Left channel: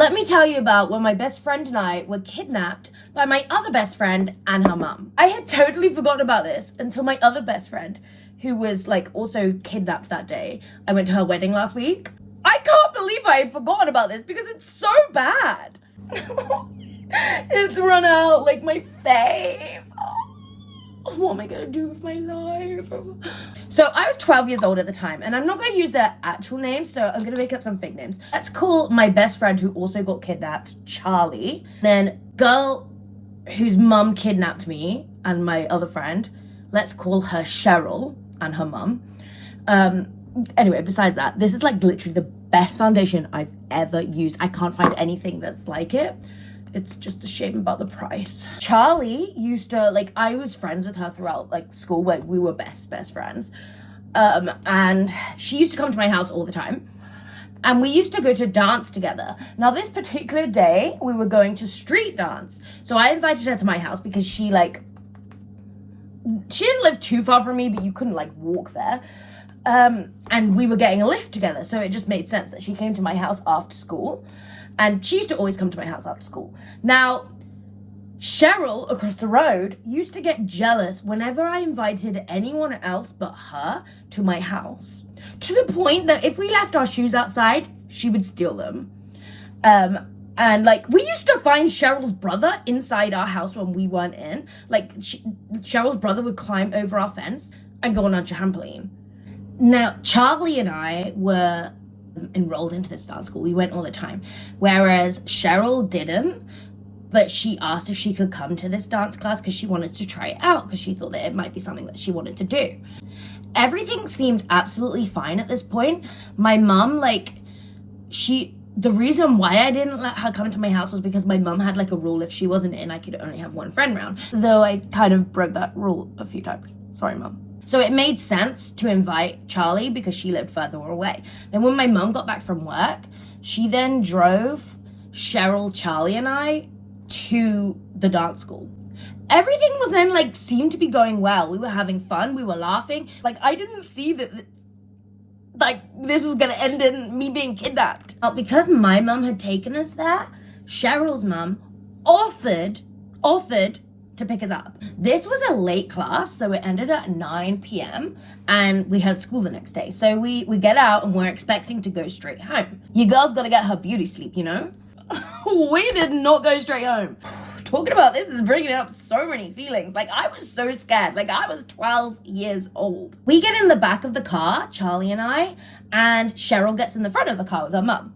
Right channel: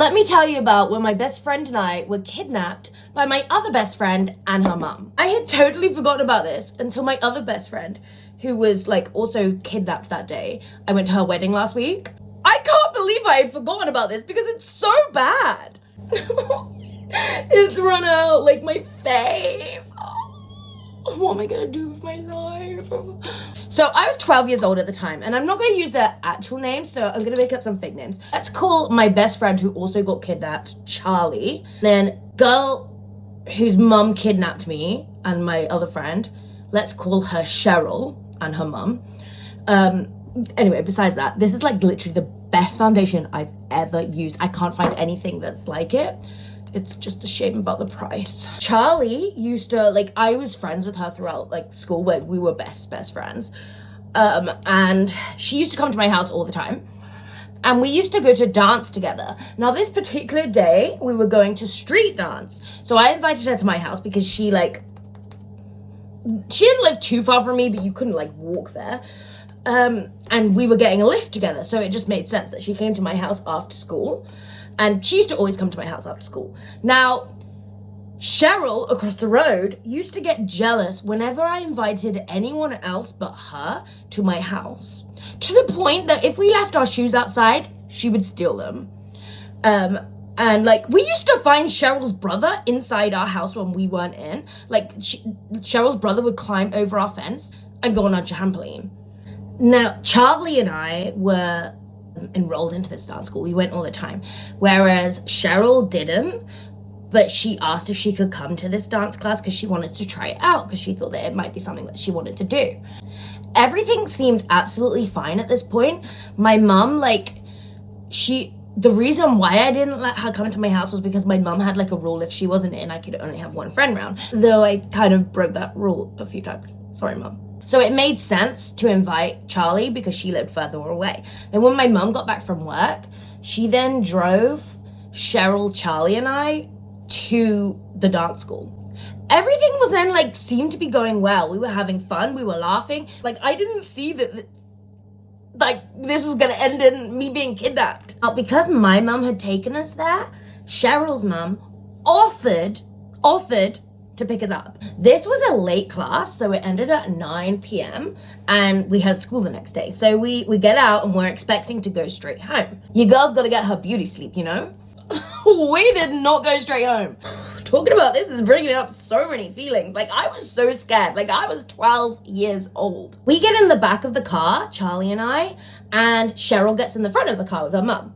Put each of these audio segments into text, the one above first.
Let me tell you about when my best friend and I were kidnapped by my other best friend and her mum. I had totally forgotten about this until my other best friend, who was like also kidnapped that day. I went to her wedding last week. I can't believe I had forgotten about this because it's so bad. It's run out like my fave. What am I gonna do with my life? So I was 12 years old at the time, and I'm not gonna use their actual names, so I'm gonna make up some fake names. Let's call my best friend who also got kidnapped Charlie. Then girl whose mum kidnapped me and my other friend, let's call her Cheryl and her mum. Anyway, besides that, this is like literally the best foundation I've ever used. I can't find anything that's like it. It's just a shame about the price. Charlie used to, like, I was friends with her throughout, like, school, where we were best friends. And she used to come to my house all the time. And we used to go to dance together. Now, this particular day, we were going to street dance. So I invited her to my house because she didn't live too far from me, but you couldn't, like, walk there. And we were getting a lift together. So it just made sense that she came to my house after school. And she used to always come to my house after school. Now, Cheryl across the road used to get jealous whenever I invited anyone else but her to my house. To the point that if we left our shoes outside, she would steal them. And like, we used to find Cheryl's brother inside our house when we weren't in. Like, Cheryl's brother would climb over our fence and go on our trampoline. Now, Charlie and I were enrolled into this dance school. We went all the time, whereas Cheryl didn't, but she asked if she could come to this dance class because she wanted to try it out, because she thought that it might be something that she wanted to do. Everything seemed absolutely fine at this point. My mum, the reason why I didn't let her come to my house was because my mum had like a rule: if she wasn't in, I could only have one friend round, though I kind of broke that rule a few times. Sorry, Mum. So it made sense to invite Charlie because she lived further away. Then when my mum got back from work, she then drove Cheryl, Charlie, and I to the dance school. Everything was then like seemed to be going well. We were having fun. We were laughing. Like, I didn't see that like this was gonna end in me being kidnapped. But because my mum had taken us there, Cheryl's mum offered to pick us up. This was a late class, so it ended at 9 p.m. and we had school the next day. So we get out and we're expecting to go straight home. Your girl's gotta get her beauty sleep, you know? We did not go straight home. Talking about this is bringing up so many feelings. Like, I was so scared. Like, I was 12 years old. We get in the back of the car, Charlie and I, and Cheryl gets in the front of the car with her mum.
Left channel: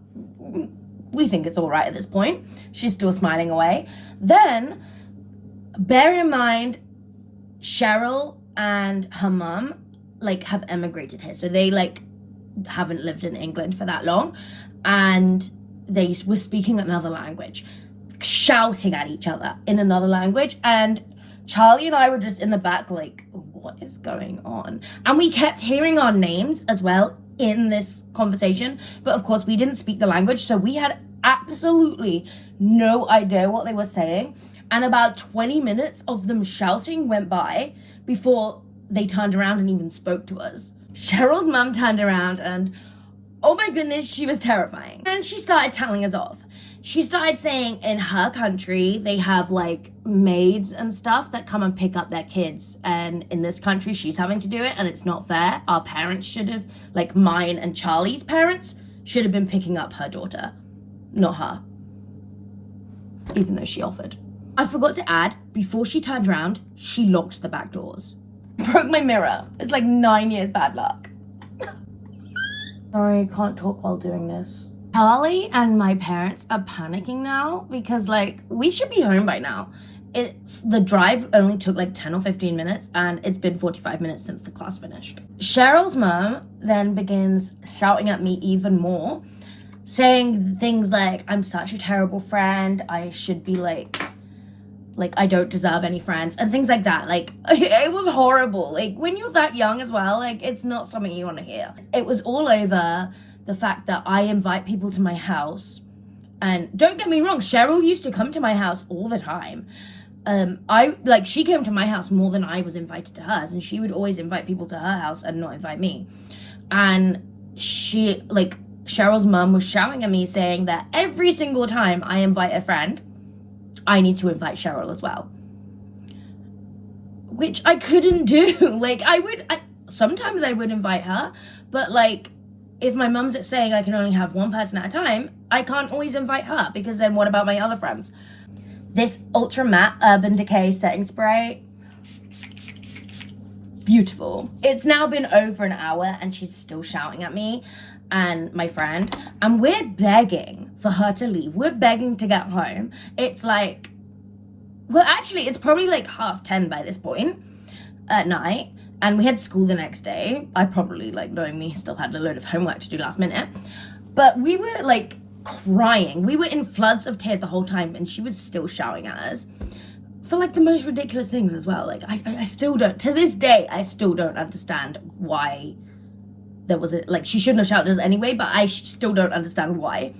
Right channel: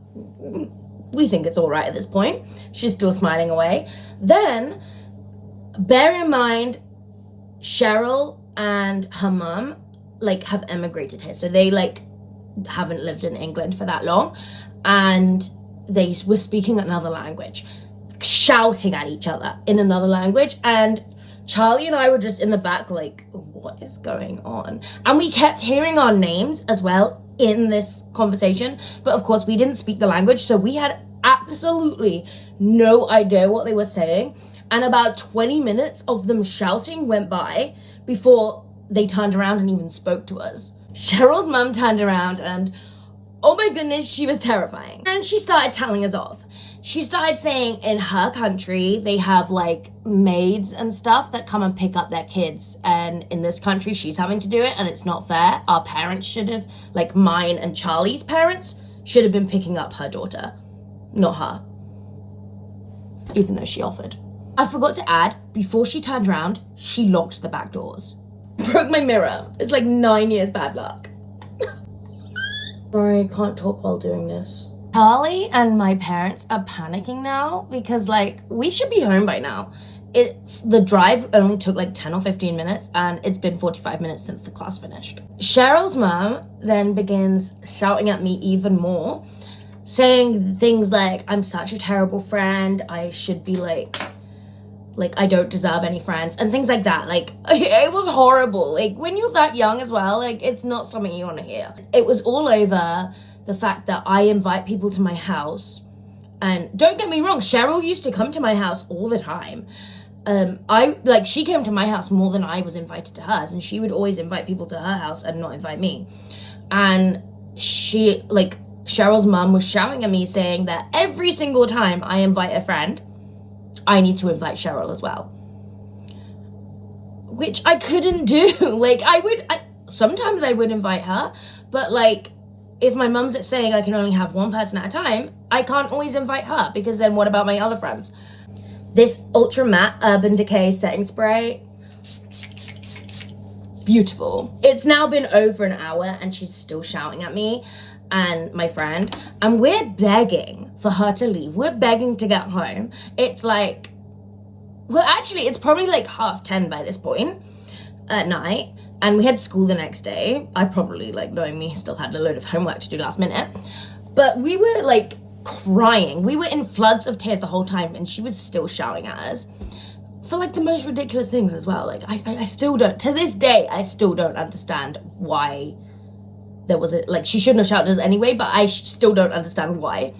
We think it's all right at this point. She's still smiling away. Then, bear in mind, Cheryl and her mum, like, have emigrated here. So they, like, haven't lived in England for that long. And they were speaking another language, shouting at each other in another language. And Charlie and I were just in the back like, what is going on? And we kept hearing our names as well in this conversation. But of course, we didn't speak the language. So we had absolutely no idea what they were saying. And about 20 minutes of them shouting went by before they turned around and even spoke to us. Cheryl's mum turned around and, oh my goodness, she was terrifying. And she started telling us off. She started saying in her country, they have like maids and stuff that come and pick up their kids. And in this country, she's having to do it and it's not fair. Our parents should have, like mine and Charlie's parents, should have been picking up her daughter, not her. Even though she offered. I forgot to add, before she turned around, she locked the back doors. Broke my mirror. It's like 9 years bad luck. Sorry, I can't talk while doing this. Charlie and my parents are panicking now because like we should be home by now. The drive only took like 10 or 15 minutes and it's been 45 minutes since the class finished. Cheryl's mom then begins shouting at me even more, saying things like, I'm such a terrible friend. I should be like I don't deserve any friends and things like that. Like, it was horrible. Like, when you're that young as well, like, it's not something you want to hear. It was all over the fact that I invite people to my house. And don't get me wrong, Cheryl used to come to my house all the time. She came to my house more than I was invited to hers, and she would always invite people to her house and not invite me. And she, like, Cheryl's mum was shouting at me saying that every single time I invite a friend, I need to invite Cheryl as well. Which I couldn't do. Like, sometimes I would invite her, but like, if my mum's saying I can only have one person at a time, I can't always invite her, because then what about my other friends? This Ultra Matte Urban Decay setting spray, beautiful. It's now been over an hour and she's still shouting at me and my friend, and we're begging for her to leave. We're begging to get home. It's like, well, actually, it's probably like 10:30 by this point at night, and we had school the next day. I probably, like, knowing me, still had a load of homework to do last minute, but we were like crying. We were in floods of tears the whole time, and she was still shouting at us for like the most ridiculous things as well. Like, I still don't, to this day, I still don't understand why there was like, she shouldn't have shouted at us anyway, but I still don't understand why.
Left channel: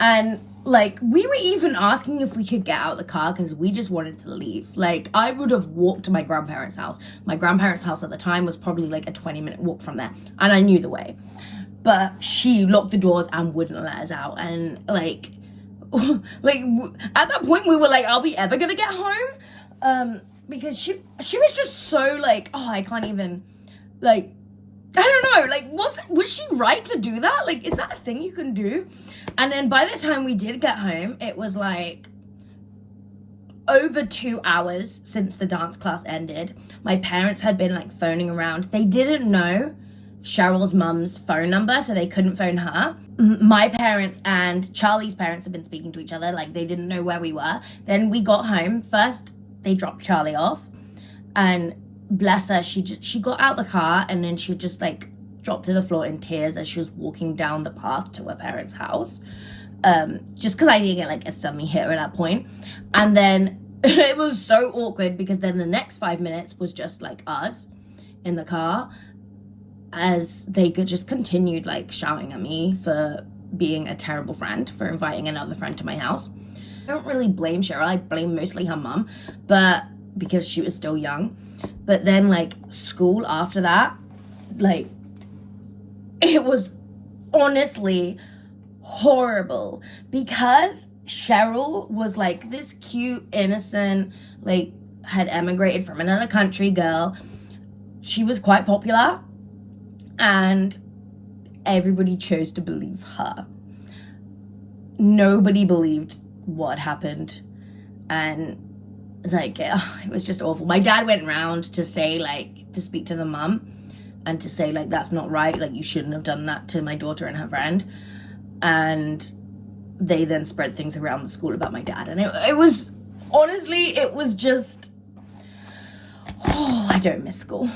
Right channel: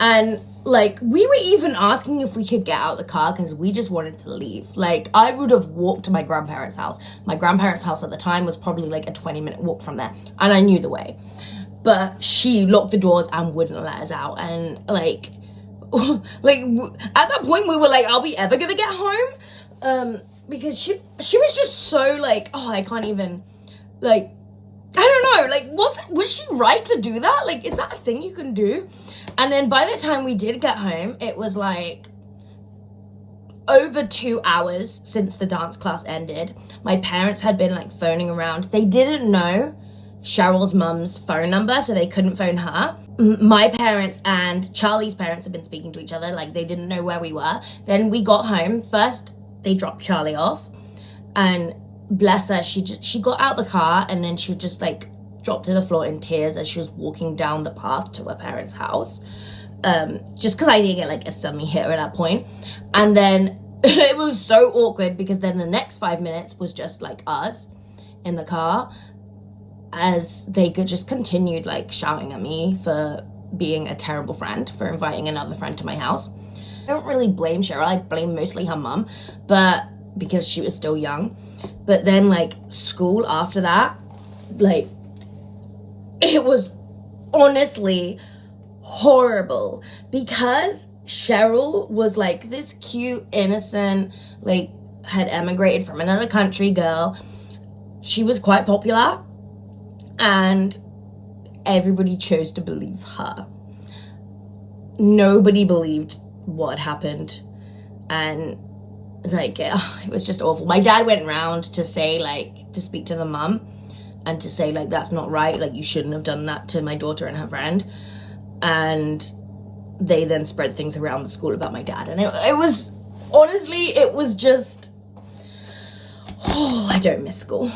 And like, we were even asking if we could get out of the car because we just wanted to leave. Like, I would have walked to my grandparents' house. My grandparents' house at the time was probably like a 20-minute walk from there, and I knew the way. But she locked the doors and wouldn't let us out. And like at that point we were like, are we ever gonna get home? Because she was just so like, oh, I can't even, like, I don't know, like, was she right to do that? Like, is that a thing you can do? And then by the time we did get home, it was like over 2 hours since the dance class ended. My parents had been like phoning around. They didn't know Cheryl's mum's phone number, so they couldn't phone her. My parents and Charlie's parents had been speaking to each other, like they didn't know where we were. Then we got home. First, they dropped Charlie off, and bless her, she got out the car and then she just like dropped to the floor in tears as she was walking down the path to her parents' house. Just because I think it like suddenly hit her at that point. And then it was so awkward because then the next 5 minutes was just like us in the car as they just continued like shouting at me for being a terrible friend, for inviting another friend to my house. I don't really blame Cheryl, I blame mostly her mum, but because she was still young. But then like school after that, like, it was honestly horrible because Cheryl was like this cute, innocent, like had emigrated from another country girl. She was quite popular and everybody chose to believe her. Nobody believed what happened, and like it was just awful. My dad went round to say, like, to speak to the mum and to say, like, that's not right, like, you shouldn't have done that to my daughter and her friend. And they then spread things around the school about my dad, and it was honestly, it was just, oh, I don't miss school.